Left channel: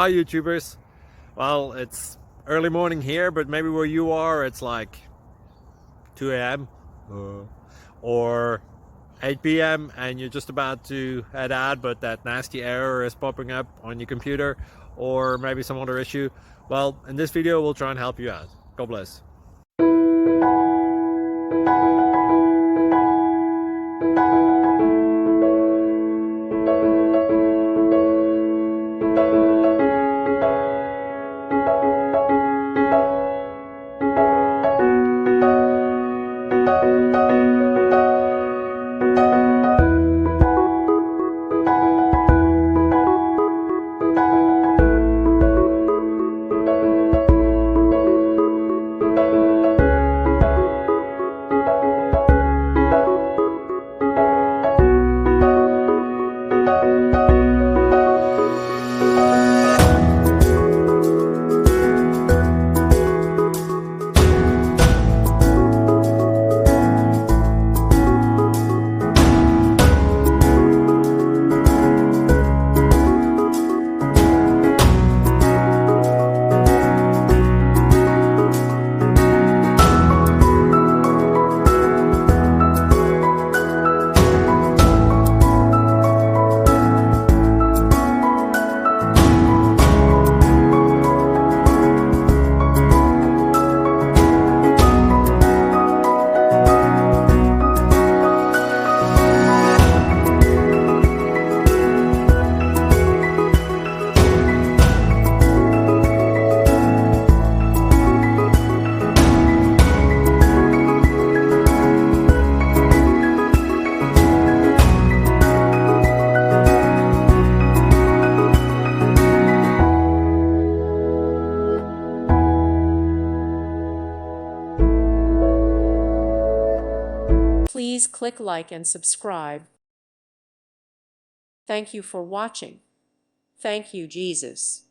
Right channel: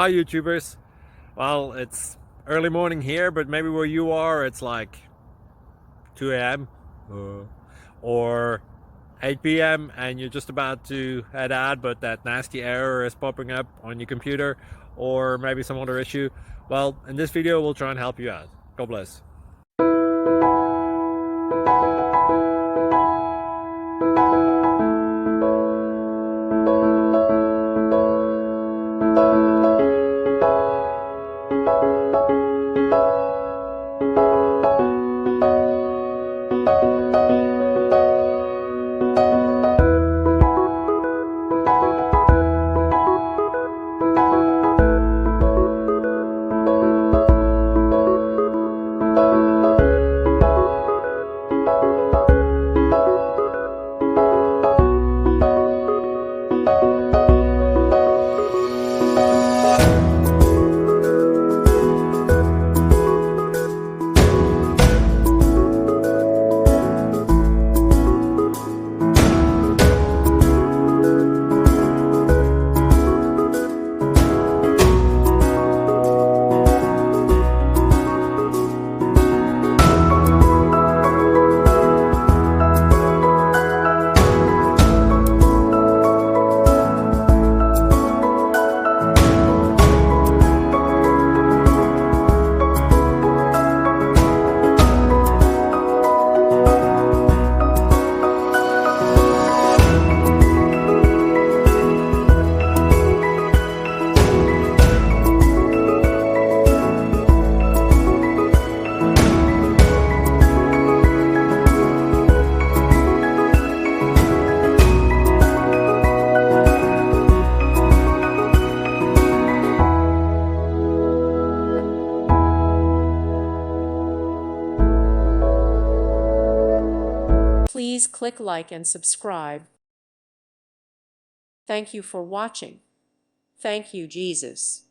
Hi YouTubers. Well, it's early morning here, but maybe where you are it's like 2 a.m. or 8 p.m. and you're just about to head out, but that nasty error is popping up on your computer, or maybe some other issue. Well, in this video we'll try and help you out. God bless. Please click like and subscribe. Thank you for watching. Thank you, Jesus.